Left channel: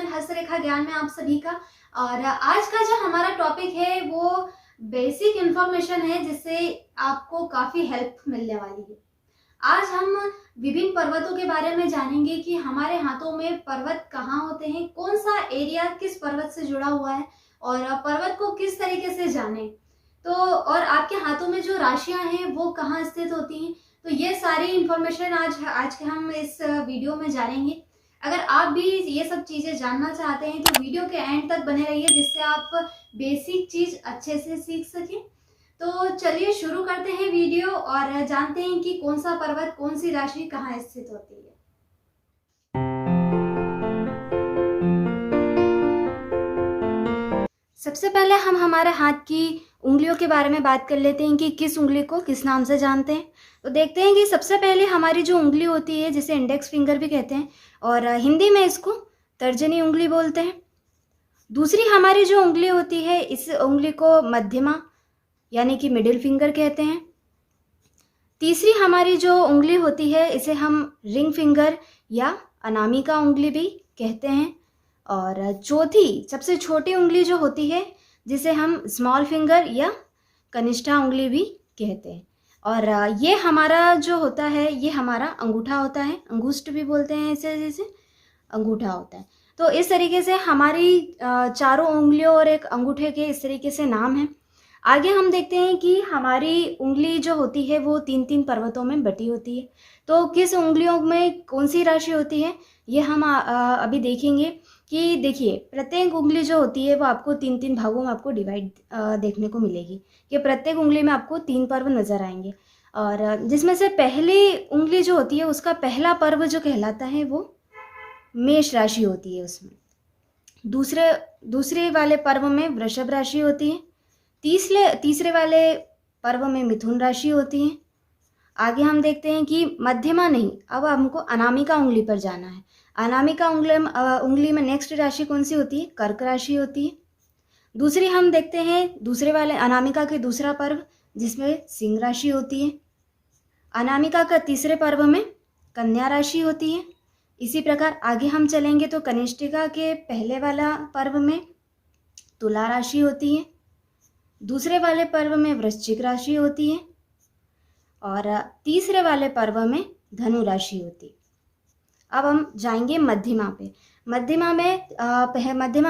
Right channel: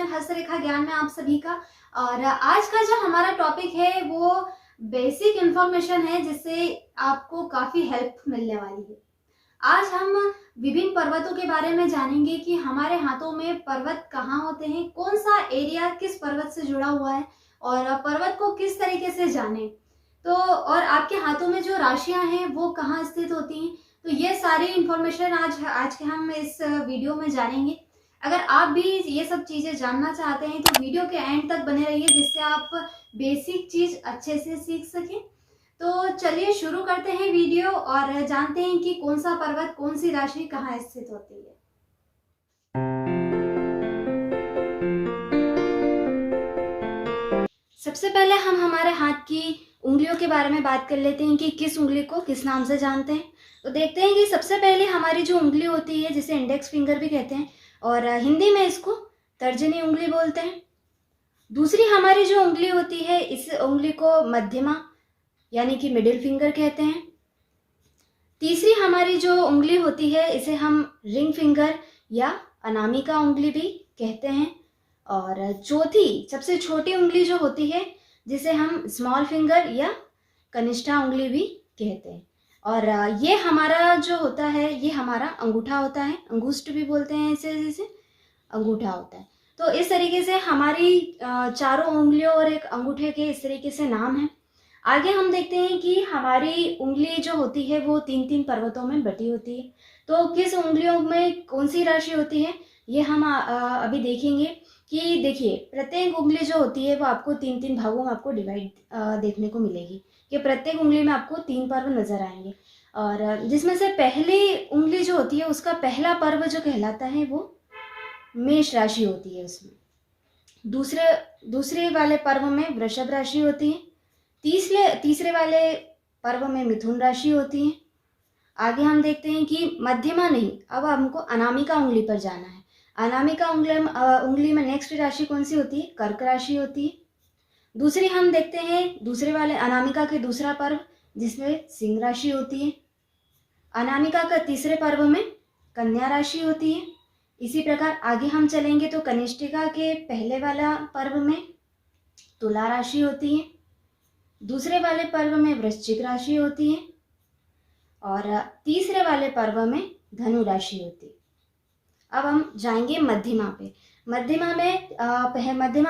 Channel हस्तरेखा ज्ञान में आप सभी का। और आज का जो हमारा टॉपिक है वो बेसिक इंफॉर्मेशन है जिससे आपको काफी हेल्प मिलने वाली है। आज हम विभिन्न पर्वतों के बारे में जानेंगे कि हमारे हाथों में पर्वत कहाँ होते हैं, कौन सा एरिया किस पर्वत से जुड़ा हुआ है और पर्वत को किस तरीके से जाने। तो और आपके हाथों में जो राशियां हैं वो कहाँ स्थित होती हैं, तो ये सारी इंफॉर्मेशन आज के हम इस वीडियो में जानेंगे। अगर आप भी ये सब चीजें जानना चाहते हैं तो वीडियो के एंड तक बने रहिए जिससे आप बेसिक चीज अच्छे से सीख सकें। तो चलिए शुरू करते हैं वीडियो और जानते हैं कि कौन सा पर्वत कौन सी राशि कहाँ स्थित होती है। सबसे पहले हम हमारे हाथ की उंगलियों के बारे में बात कर लेते हैं कि किस उंगली को किस नाम से जानते हैं। तो देखते हैं कि सबसे पहले हमारी जो उंगली होती है जिसे इंडेक्स फिंगर भी कहते हैं और हिंदी में इसको तर्जनी उंगली बोलते हैं। दूसरी हमारी जो उंगली होती है इस उंगली को मध्यमा यानी कि मिडिल फिंगर कहते हैं। तीसरी हमारी जो उंगली होती है इसे हम रिंग फिंगर या अनामिका उंगली भी कहते हैं। और चौथी सबसे छोटी उंगली जो होती है जिसे हम स्मॉल फिंगर या कनिष्ठा उंगली भी कहते हैं। और ये हमारा जो होता है ये हमारा अंगूठा होता है, अंगुष्ठ भी बोलते हैं इसे, जैसे अंगूठा होता है। तो इस तरीके से हमारी चारों उंगलियों और एक अंगूठे के इस तरीके से नाम है। आगे हम देखते हैं कि हमारी उंगली जो होती है वो 3-3 पर्वतों में बटी होती है। तो किस उंगलियों में कौन सी राशि होती है ये हम अभी देखेंगे। कि देखिए प्रत्येक उंगली जो होती है वो आपको 3-3 भागों में आपको डिवाइड देखने को मिलेगी कि प्रत्येक उंगली में आपको 3 पर्व नजर आएंगे। और जिसमें से पहली उंगली जो होती है उसका पहला पर्व जो कहलाता है वो मेष राशि होती है। उसमें दूसरे वाले पर्व में वृषभ राशि होती है। तीसरे वाले पर्व में मिथुन राशि होती है। आगे हम देखते हैं कि मध्यमा नहीं, अब हमको अनामिका उंगली पर जाना है। अनामिका उंगली में नेक्स्ट राशि कौन सी होती है? कर्क राशि होती है। दूसरी हम देखते हैं दूसरे वाले अनामिका के दूसरा पर्व जिसमें सिंह राशि होती है। अनामिका का तीसरे पर्व में कन्या राशि होती है। इसी प्रकार आगे हम चलेंगे तो कनिष्ठिका के पहले वाला पर्व में तुला राशि होती है। दूसरे वाले पर्व में वृश्चिक राशि होती है और तीसरे वाले पर्व में धनु राशि होती है। अब हम जाएंगे मध्यमा पे। मध्यमा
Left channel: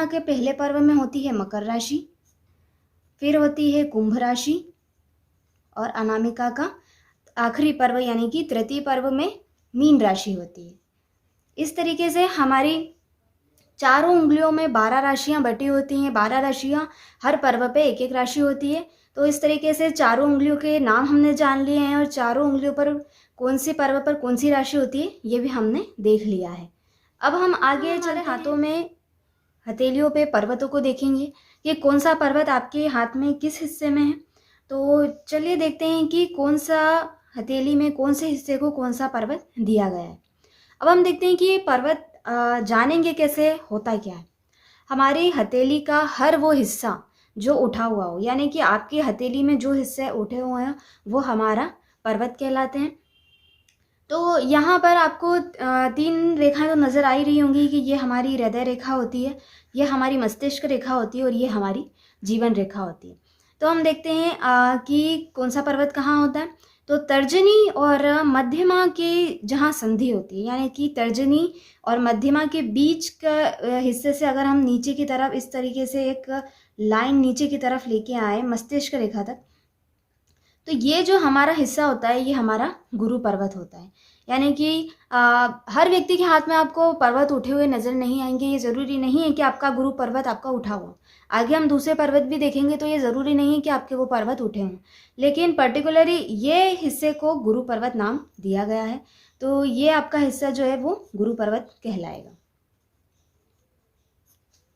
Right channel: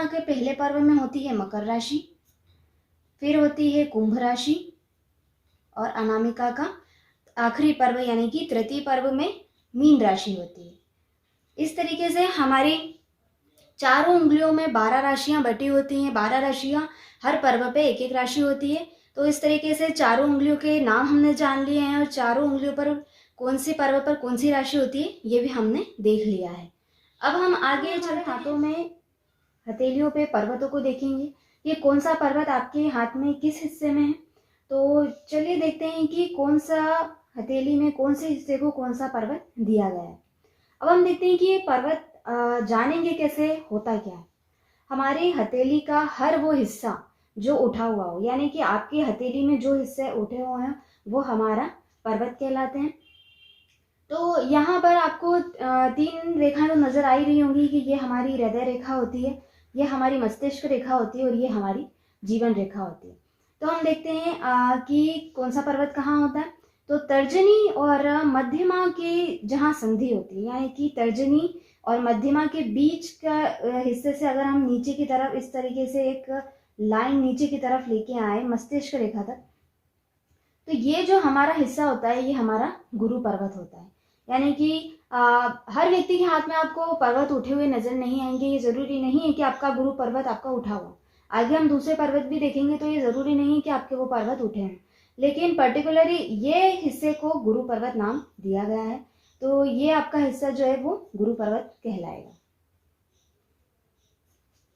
के पहले पर्व में होती है मकर राशि, फिर होती है कुंभ राशि और अनामिका का आखिरी पर्व यानी कि तृतीय पर्व में मीन राशि होती है। इस तरीके से हमारी चारों उंगलियों में 12 राशियां बटी होती हैं। 12 राशियां हर पर्व पे एक एक राशि होती है। तो इस तरीके से चारों उंगलियों के नाम हमने जान लिए हैं और चारों उंगलियों पर कौन से पर्व पर कौन सी राशि होती है ये भी हमने देख लिया है। अब हम आगे चले हाथों में हथेलियों पे पर्वतों को देखेंगे कि कौन सा पर्वत आपके हाथ में किस हिस्से में है। तो चलिए देखते हैं कि कौन सा हथेली में कौन से हिस्से को कौन सा पर्वत दिया गया है। अब हम देखते हैं कि पर्वत जानेंगे कैसे, होता क्या है। हमारी हथेली का हर वो हिस्सा जो उठा हुआ हो यानी कि आपकी हथेली में जो हिस्से उठे हुए हैं वो हमारा पर्वत कहलाते हैं। तो यहाँ पर आपको 3 रेखाएं तो नजर आ ही रही होंगी कि ये हमारी हृदय रेखा होती है, ये हमारी मस्तिष्क रेखा होती है और ये हमारी जीवन रेखा होती है। तो हम देखते हैं कि कौन सा पर्वत कहाँ होता है। तो तर्जनी और मध्यमा के जहाँ संधि होती है यानी कि तर्जनी और मध्यमा के बीच का हिस्से से अगर हम नीचे की तरफ इस तरीके से एक लाइन नीचे की तरफ लेके आए मस्तिष्क रेखा तक, तो ये जो हमारा हिस्सा होता है ये हमारा गुरु पर्वत होता है। यानी कि हर व्यक्ति के हाथ में आपको पर्वत उठे हुए नजर नहीं आएंगे। ये जरूरी नहीं है कि आपका गुरु पर्वत आपका उठा हो। आगे हम दूसरे पर्वत भी देखेंगे तो ये जरूरी नहीं है कि आपके वो पर्वत उठे हैं, लेकिन पर्टिकुलरली ये हिस्से को गुरु पर्वत नाम दिया गया है। तो ये आपका हिस्सा जो है वो गुरु पर्वत कहलाएगा।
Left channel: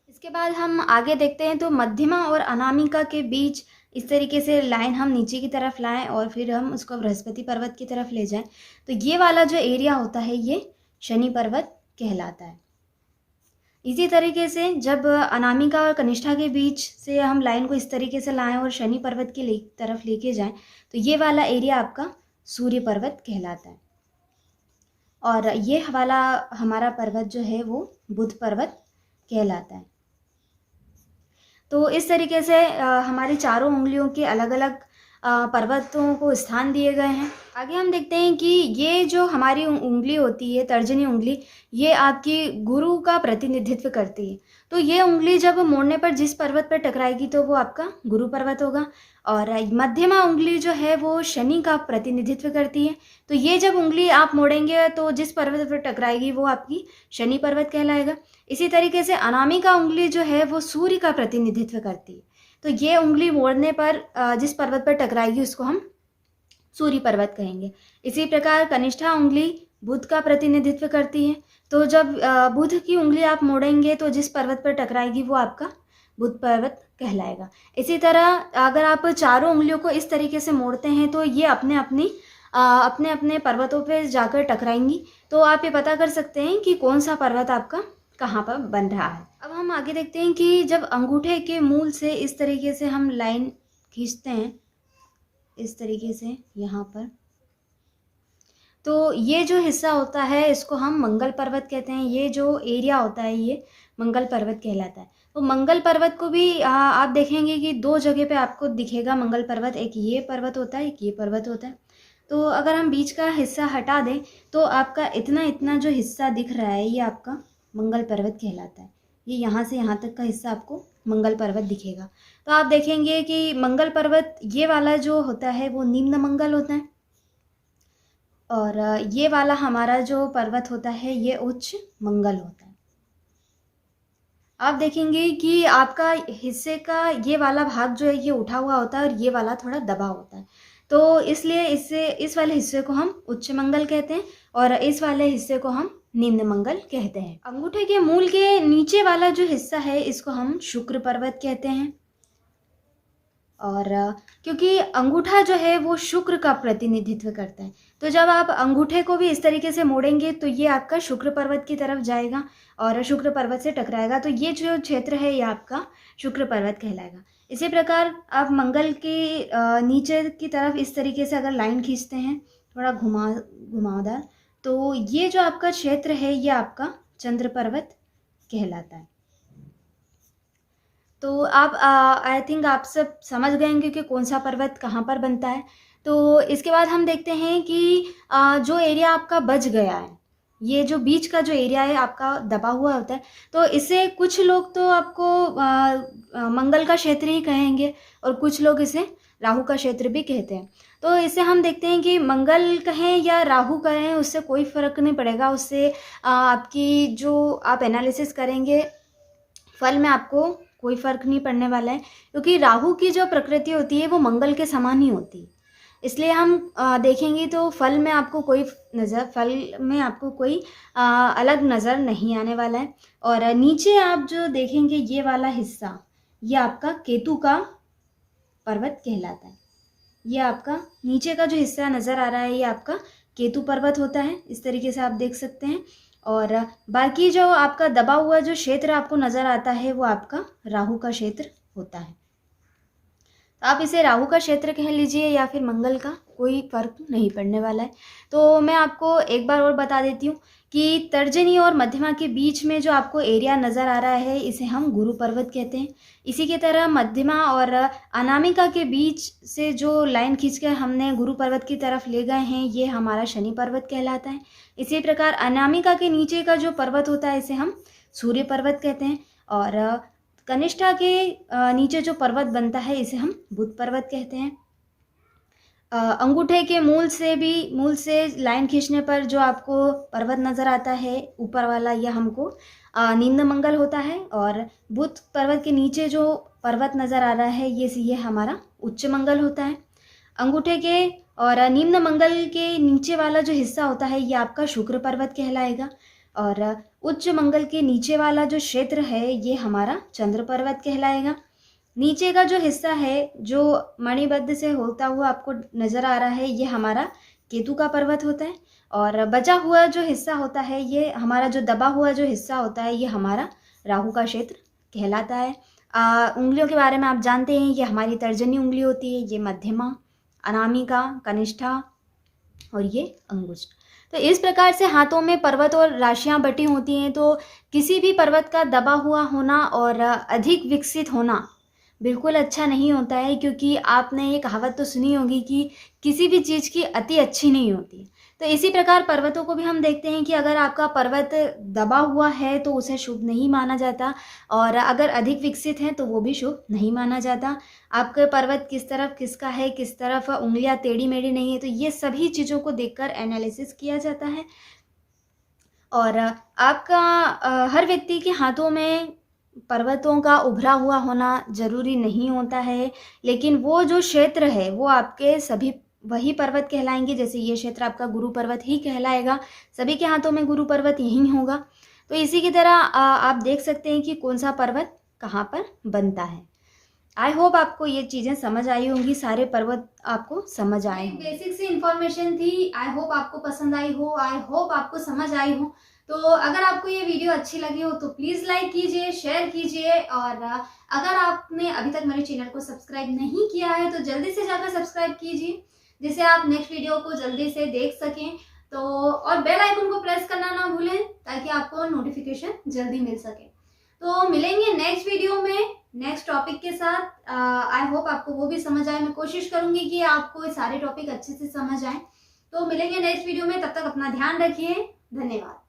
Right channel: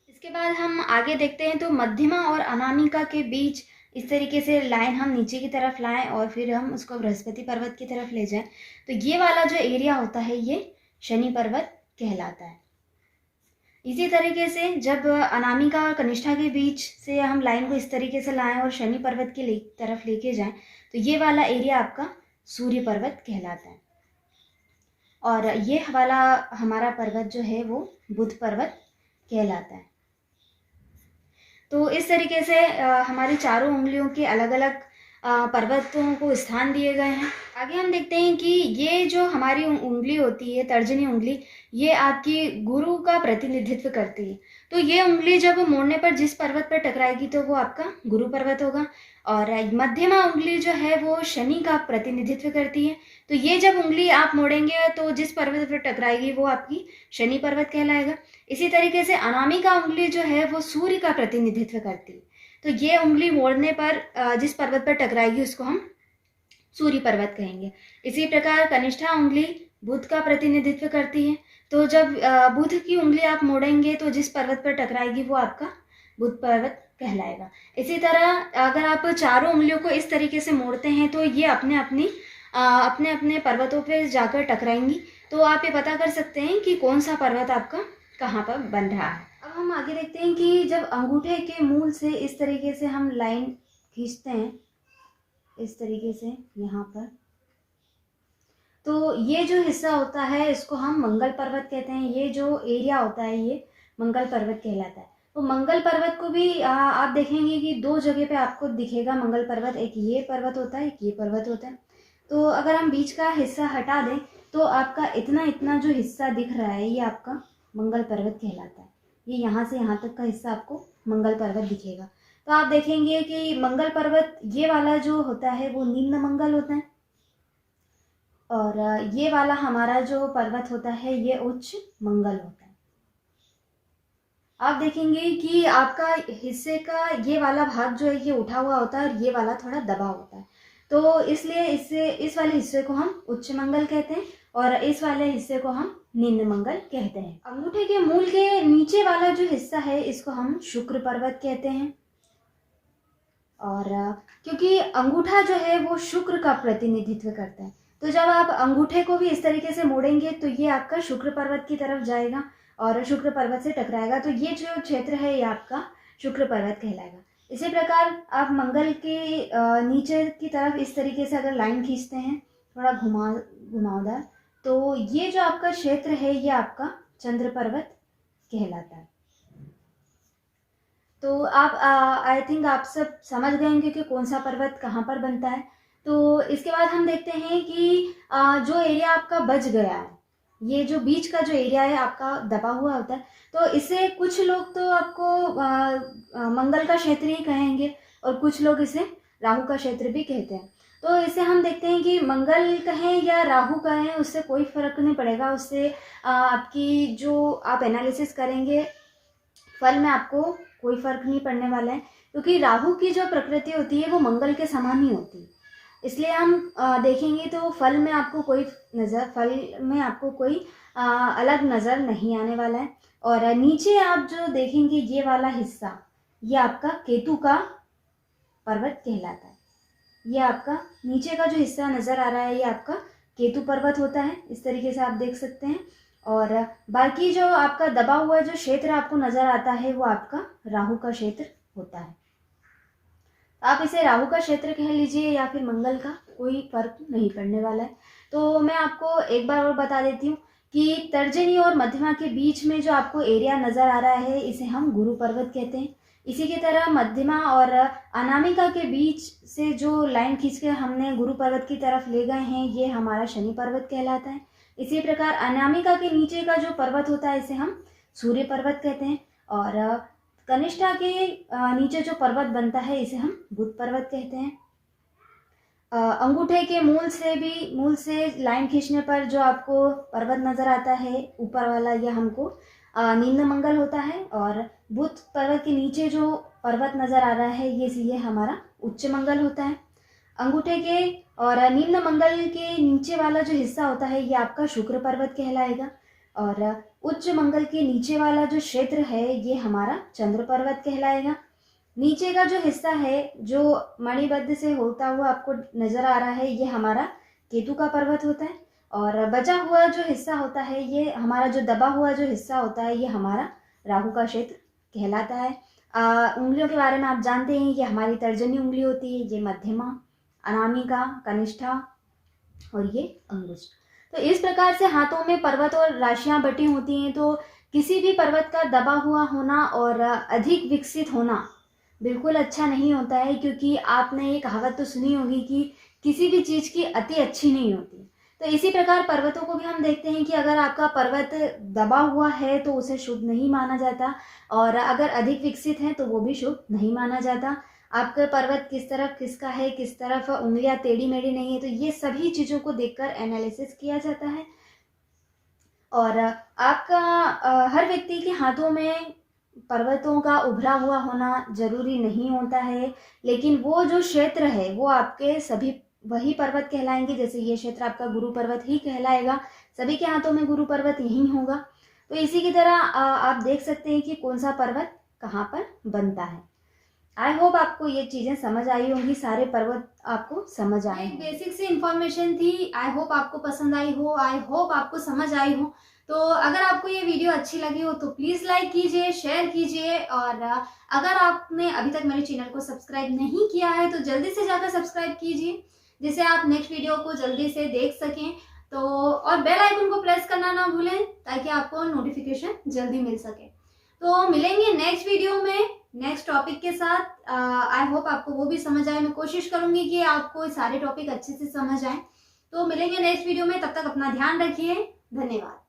इसके बाद हम आगे देखते हैं तो मध्यमा और अनामिका के बीच इस तरीके से लाइन हम नीचे की तरफ लाएं और फिर हम उसको बृहस्पति पर्वत की तरफ ले जाएं तो ये वाला जो एरिया होता है ये शनि पर्वत कहलाता है। इसी तरीके से जब अनामिका और कनिष्ठा के बीच से हम लाइन को इस तरीके से लाएं और शनि पर्वत की तरफ लेके जाएं तो ये वाला एरिया आपका सूर्य पर्वत कहलाता है। और ये वाला हमारा पर्वत जो है वो बुध पर्वत कहलाता है। तो इस तरीके से हमारी चारों उंगलियों के अलग अलग पर्वतों को स्थान दिए गए हैं। आगे हम देखते हैं कि ये जो हमारी उंगली होती है, तर्जनी उंगली, ये आपकी गुरु का प्रतिनिधित्व करती है। तो ये उंगली जब मोड़ने पर जिस पर्वत पर टकराएगी तो वो आपका गुरु पर्वत होगा। और मध्यमा उंगली जो है वो शनि का प्रतिनिधित्व करती है। तो ये जब उंगली आप मोड़ेंगे तो जिस पर्वत पर टकराएगी वो आपकी शनि पर्वत कहलाएगा। इसी तरीके से अनामिका उंगली जो है वो सूर्य का प्रतिनिधित्व करती है। तो ये उंगली मोड़ने पर जिस पर्वत पर टकराएगी उसको हम सूर्य पर्वत कहेंगे। इसी प्रकार कनिष्ठा उंगली बुध का प्रतिनिधित्व करती है। तो जब बुध की उंगली आप मोड़ेंगे तो जिस पर्वत पर टकराएगी वो आपका बुध पर्वत कहलाएगा। इसी तरह अगर आप चारों उंगलियों को इस तरीके से मोड़ते हैं तो ये अपने अपने पर्वतों पर जाकर टकराएंगी। तो आप ये पता कर सकते हैं कि कौन सा पर्वत आपका कहाँ पर बन रहा है। अब हम आगे देखते हैं कि जब अंगूठे के मूल से इस तरीके से हम लाइन खींचते हैं, इस तरीके से यहाँ पर, तो ये जो हिस्सा होता है इसको हम मंगल पर्वत कहते हैं। ये जो एरिया होता है ये मंगल पर्वत कहलाता है। तो मंगल पर्वत को भी आप देखेंगे कि दो जगह पे आपको दिखेगा मंगल पर्वत। एक ये पर्वत होता है, एक ये पर्वत होता है। तो अगर हम बीच का हिस्सा हटा दें तो आपका इतना जो हिस्सा दिख रहा है ये आपका मंगल पर्वत कहलाता है। ये यहाँ से यहाँ तक का हिस्सा आपको मंगल पर्वत दिखेगा। तो आप देखेंगे कि मंगल पर्वत ये वाला जो होता है वो निम्न मंगल होता है, और ये वाला हमारा जो पर्वत होता है ये उच्च मंगल होता है। आप देखेंगे कि आपका हिस्से का ये वाला भाग जो है ये उठा हुआ होता है और ये वाला थोड़ा दबा होता है। तो इसलिए इस वाले हिस्से को हम उच्च मंगल कहते हैं और इस वाले हिस्से को हम निम्न मंगल कहते हैं। अंगूठे के मूल के नीचे वाला जो हिस्सा है इसको हम शुक्र पर्वत कहते हैं। और क्योंकि अंगूठा जो है वो शुक्र का प्रतिनिधित्व करता है, तो जब आप अंगूठे को भी इस तरीके से मोड़ेंगे तो ये आपका शुक्र पर्वत की तरफ जाएगा और शुक्र पर्वत से टकराएगा। तो ये जो क्षेत्र है ये आपका शुक्र पर्वत कहलाएगा। इसी प्रकार आप मंगल के नीचे की तरफ इस तरीके से अगर लाइन खींचते हैं थोड़ा घुमावदार, तो ये जो आपका क्षेत्र है ये आपका चंद्र पर्वत कहलाता है। तो आप आई थिंक आप सब समझ गए होंगे कि कौन सा पर्वत कहाँ पर बनता है। तो इसके बाद हम देखते हैं कि जो एरिया आपका बच गया है, ये जो बीच का जो एरिया है आपका दबा हुआ होता है, तो इसे कुछ लोग तो आपको मंगल का क्षेत्र ही कहेंगे और कुछ लोग इसे राहु का क्षेत्र भी कहते हैं। तो इसे हम देखते हैं कि मंगल कहें या राहु कहें उससे कोई फर्क नहीं पड़ेगा। उससे आपकी जो आप एनालिसिस करेंगे फल में आपको कोई फर्क नहीं पड़ने वाला है, क्योंकि राहु की जो प्रकृति होती है वो मंगल के समान ही होती है। इसलिए हम देखेंगे तो फल में आपको कोई अलग नज़र नहीं आने वाला है। और नीचे आप जो देखेंगे ये वाला हिस्सा ये आपका केतु का पर्वत कहलाता है। ये आपका नीचे का जो हिस्सा नज़र आ रहा है ये आपका केतु पर्वत होता है, इस तरीके से आप देख सकते हैं। और बाकी जो आपका दबा हुआ जो क्षेत्र आपको नज़र आता है वो आपका राहु का क्षेत्र होता है। आप इसे राहु का क्षेत्र कह लीजिए या फिर मंगल का, कोई फर्क नहीं पड़ने वाला है। तो मैं आपको एक बार और बता देती हूँ कि तर्जनी और मध्यमा के बीच में जो आपको एरिया नज़र आ रहा है इसे हम गुरु पर्वत कहते हैं। इसी की तरह मध्यमा और अनामिका के बीच से जो लाइन खींचकर हमने गुरु पर्वत की तरफ ले गए हैं ये हमारा शनि पर्वत कहलाता है। इसी प्रकार अनामिका के नीचे का जो पर्वत होता है इसे हम सूर्य पर्वत कहते हैं। और कनिष्ठा के नीचे जो पर्वत बनता है इसे हम बुध पर्वत कहते हैं। अंगूठे के मूल से लाइन खींचने पर जो आपको पर्वत नज़र आता है ऊपर वाला, यह हमको निम्न मंगल होता है। और बुध पर्वत के नीचे जो पर्वत नज़र आ रहा है ये हमारा उच्च मंगल होता है। अंगूठे के और निम्न मंगल के नीचे वाला जो हिस्सा होता है ये आपका शुक्र पर्वत कहलाएगा। और उच्च मंगल के नीचे वाला जो क्षेत्र है ये हमारा चंद्र पर्वत कहलाएगा। नीचे का जो हिस्सा है जो मणिबद्ध से होता हुआ आपको नज़र आ रहा है ये हमारा केतु का पर्वत होता है। और बचा हुआ जो हिस्सा होता है ये हमारा जो दबा हुआ जो हिस्सा होता है ये हमारा राहु का क्षेत्र कहलाता है। उंगलियों के बारे में आप जानते हैं, ये हमारी तर्जनी उंगली होती है, ये मध्यमा, अनामिका, कनिष्ठा और ये अंगुष्ठ। तो इस प्रकार से हाथों में पर्वत और राशियाँ बटी होती हैं। तो किसी भी पर्वत का दबा हुआ होना और अधिक विकसित होना बिल्कुल अच्छा नहीं होता है, क्योंकि आपने ये कहावत तो सुनी होगी कि किसी भी चीज़ की अति अच्छी नहीं होती। तो इसी प्रकार पर्वतों को भी हम देखते हैं कि अगर आपका पर्वत दबा हुआ है तो उसे शुभ नहीं माना जाता, और अगर अधिक विकसित है तो वो भी शुभ नहीं माना जाता। आपका पर्वत किस तरफ खिसका है, किस तरफ उंगलियां टेढ़ी मेढ़ी नहीं है, तो ये सभी चीज़ों को देखकर एनालिसिस किया जाता है। और आपका हर व्यक्ति के हाथों में पर्वतों का उभरा हुआ होना जरूरी नहीं होता है, लेकिन वो जो क्षेत्र है वो आपके सभी वही पर्वत कहलाएंगे। जैसे ये क्षेत्र आपका गुरु पर्वत ही कहलाएगा, सभी के हाथों में गुरु पर्वत यही होगा। तो इसी की तरह आप देख सकते हैं कि कौन सा पर्वत कहाँ पर बनता है। आई होप आपको ये चीज़ें समझ आई होंगी, सारे पर्वत आपको समझ आए। बेसिक सी इंफॉर्मेशन थी, आई होप आपको पसंद आई हो, आई होप आपको समझ आई हो। तो अगर आपको ये वीडियो अच्छी लगी हो तो प्लीज़ लाइक कीजिए, शेयर कीजिए, और अगर आपने अभी तक मेरे चैनल को सब्सक्राइब नहीं किया है तो जल्दी से जाकर सब्सक्राइब कीजिए, जिससे आप नेक्स्ट वीडियो को जल्दी से देख सकें। तो और बेल आइकन को प्रेस करना ना भूलें ताकि आपको नोटिफिकेशन जल्दी मिल सके। तो मिलेंगे नेक्स्ट वीडियो में नेक्स्ट टॉपिक के साथ। आई होप आपको वो भी समझ आए। मैं कोशिश करूंगी कि आपको सारे टॉपिक अच्छे से समझ आए। तो मिलेंगे नेक्स्ट वीडियो में, तब तक अपना ध्यान रखिए। धन्यवाद।